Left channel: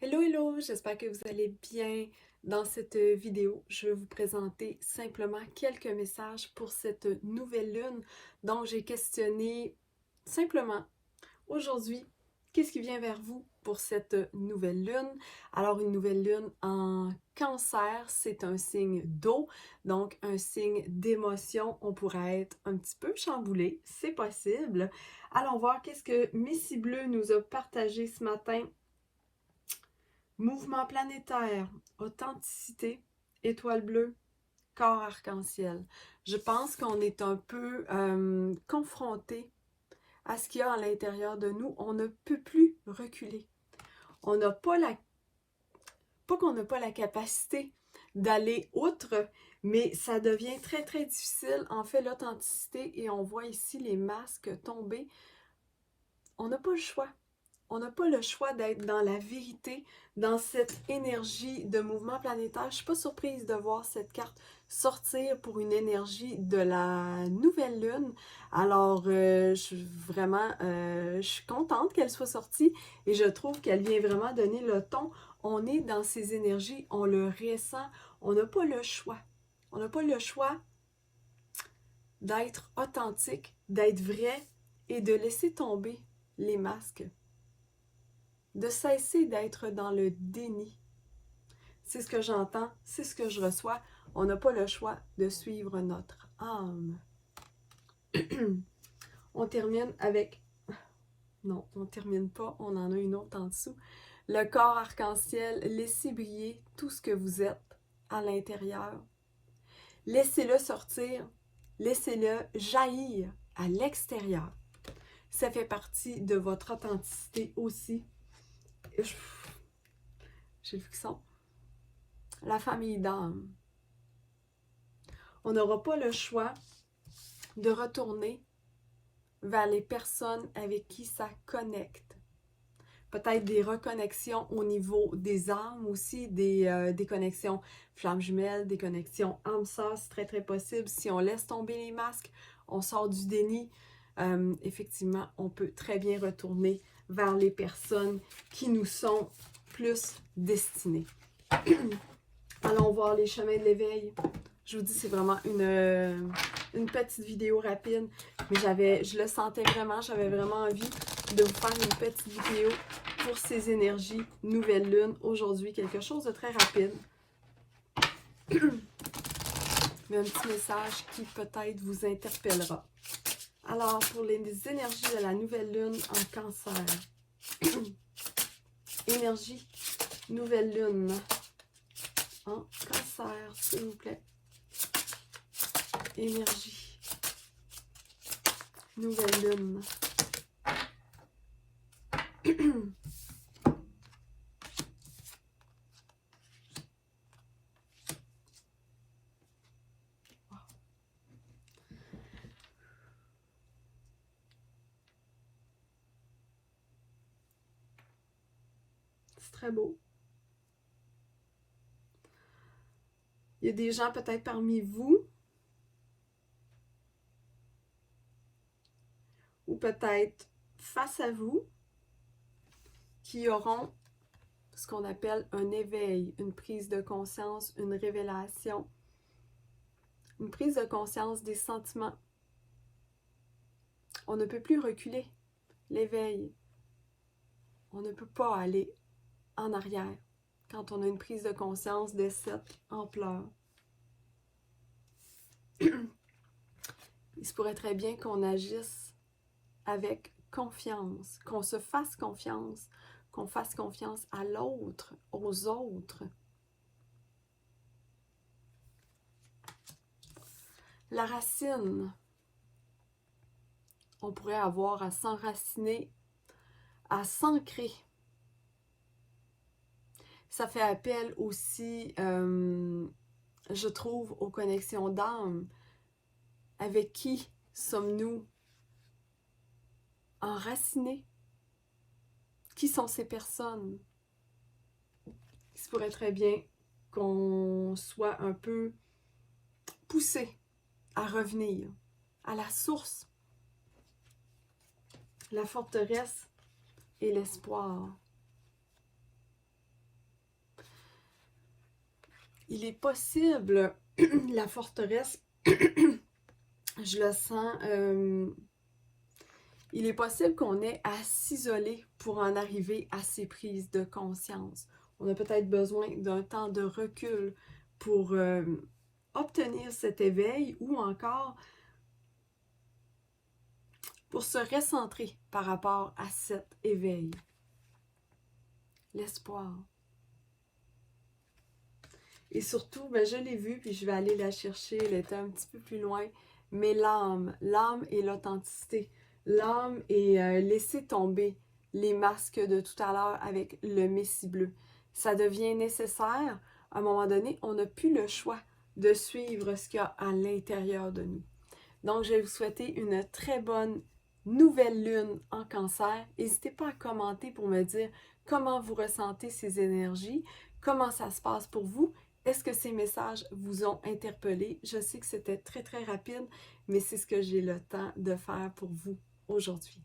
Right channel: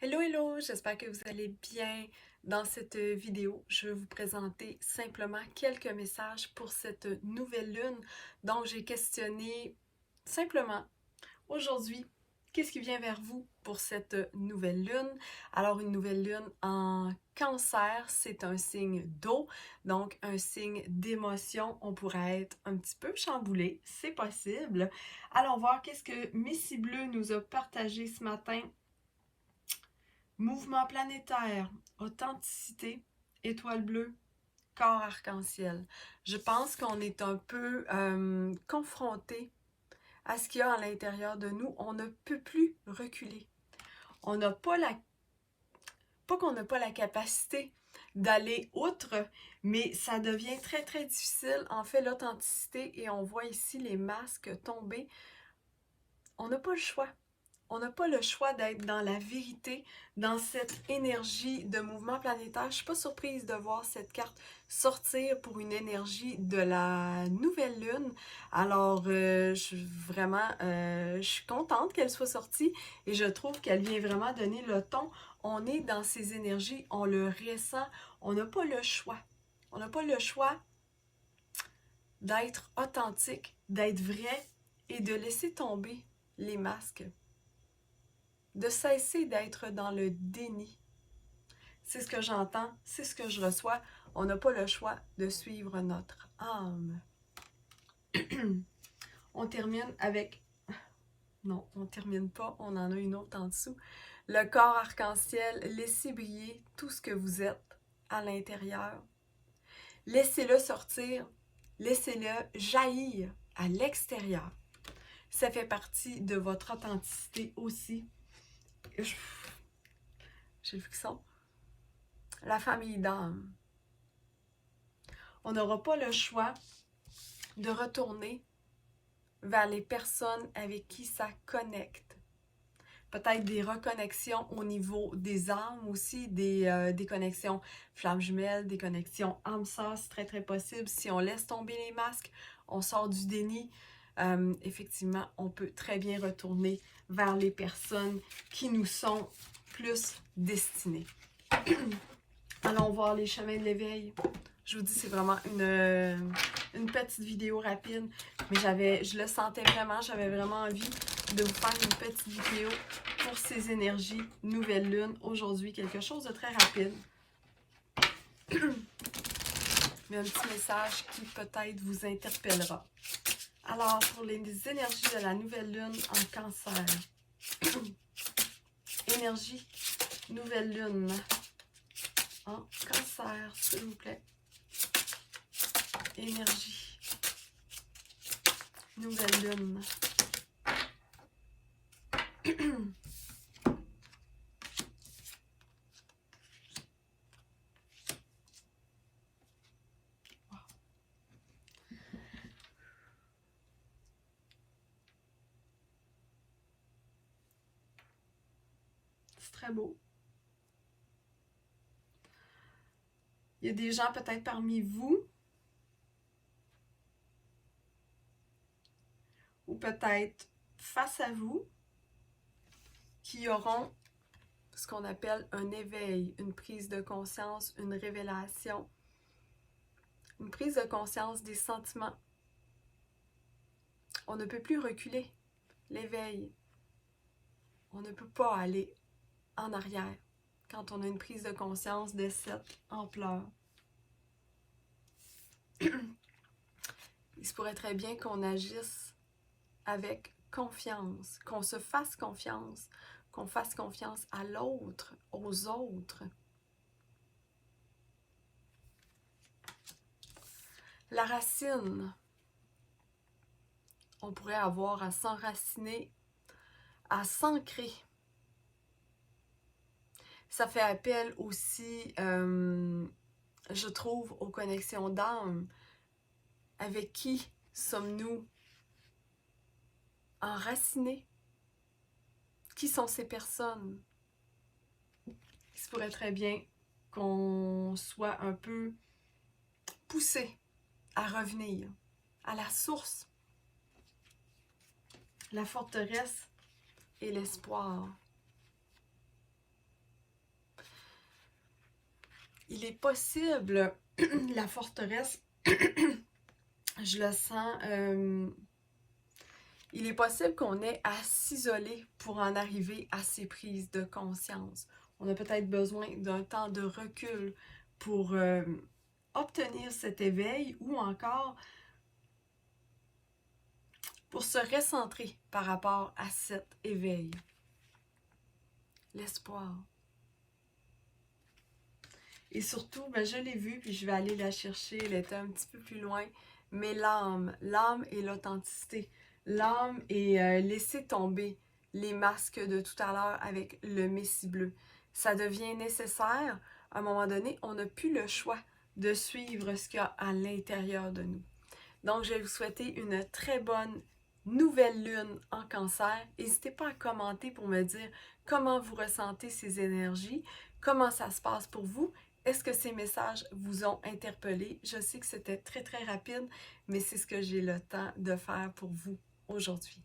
Hello, hello, j'espère que vous allez bien. Dans cette vidéo, je vais vous présenter simplement quelques messages pour cette nouvelle lune. Donc, j'ai questionné simplement aujourd'hui, qu'est-ce qui vient vers vous pour cette nouvelle lune? Alors, une nouvelle lune en Cancer, c'est un signe d'eau, donc un signe d'émotion. On pourrait être un petit peu chamboulé, c'est possible. Allons voir qu'est-ce que Missy Bleu nous a partagé ce matin. Mouvement planétaire, authenticité, étoile bleue, corps arc-en-ciel. Je pense qu'on est un peu confronté à ce qu'il y a à l'intérieur de nous. On ne peut plus reculer. On n'a pas pas qu'on n'a pas la capacité d'aller outre, mais ça devient très, très difficile. En fait, l'authenticité, et on voit ici les masques tomber, on n'a pas le choix. On n'a pas le choix d'être dans la vérité, dans cette énergie de mouvement planétaire. Je ne suis pas surprise de voir cette carte sortir pour une énergie de la nouvelle lune. Alors, je suis contente qu'elle soit sortie et je trouve qu'elle vient vraiment donner le ton. On est dans ces énergies, on le ressent, on n'a pas le choix. On n'a pas le choix d'être authentique, d'être vrai et de laisser tomber les masques, de cesser d'être dans le déni. C'est ce que j'entends, c'est ce que je reçois. On n'a pas le choix de suivre notre âme. On termine avec... Non, on ne termine pas, on en a une autre en dessous. Le corps arc-en-ciel, laissez briller tout ce que vous êtes à l'intérieur. Laissez-le sortir, laissez-le jaillir à l'extérieur. Ça fait partie de votre authenticité aussi. J'ai vu que ça. La famille d'âme. On n'aura pas le choix de retourner vers les personnes avec qui ça connecte. Peut-être des reconnexions au niveau des âmes aussi, des connexions flammes jumelles, des connexions âme-sœur, c'est très très possible. Si on laisse tomber les masques, on sort du déni, effectivement, on peut très bien retourner vers les personnes qui nous sont plus destinées. Allons voir les chemins de l'éveil. Je vous dis, c'est vraiment une petite vidéo rapide, mais je le sentais vraiment, j'avais vraiment envie de vous faire une petite vidéo pour ces énergies nouvelle lune aujourd'hui, quelque chose de très rapide. Mais un petit message qui peut-être vous interpellera. Alors, pour les énergies de la nouvelle lune en Cancer, énergie nouvelle lune en Cancer, s'il vous plaît. Énergie nouvelle lune. C'est très beau. Il y a des gens peut-être parmi vous, ou peut-être face à vous, qui auront ce qu'on appelle un éveil, une prise de conscience, une révélation, une prise de conscience des sentiments. On ne peut plus reculer. L'éveil, on ne peut pas aller en arrière quand on a une prise de conscience de cette ampleur. Il se pourrait très bien qu'on agisse avec confiance, qu'on se fasse confiance, qu'on fasse confiance à l'autre, aux autres. La racine, on pourrait avoir à s'enraciner, à s'ancrer. Ça fait appel aussi, je trouve, aux connexions d'âme. Avec qui sommes-nous enracinés? Qui sont ces personnes? Il se pourrait très bien qu'on soit un peu poussé à revenir à la source, la forteresse et l'espoir. il est possible, la forteresse, je le sens, il est possible qu'on ait à s'isoler pour en arriver à ces prises de conscience. On a peut-être besoin d'un temps de recul pour obtenir cet éveil ou encore pour se recentrer par rapport à cet éveil. L'espoir. Et surtout, ben, je l'ai vue, puis je vais aller la chercher, elle était un petit peu plus loin, mais l'âme et l'authenticité. L'âme et laisser tomber les masques de tout à l'heure avec le Messie bleu. Ça devient nécessaire. À un moment donné, on n'a plus le choix de suivre ce qu'il y a à l'intérieur de nous. Donc, je vais vous souhaiter une très bonne nouvelle lune en cancer. N'hésitez pas à commenter pour me dire comment vous ressentez ces énergies, comment ça se passe pour vous. Est-ce que ces messages vous ont interpellé? Je sais que c'était très rapide, mais c'est ce que j'ai le temps de faire pour vous aujourd'hui.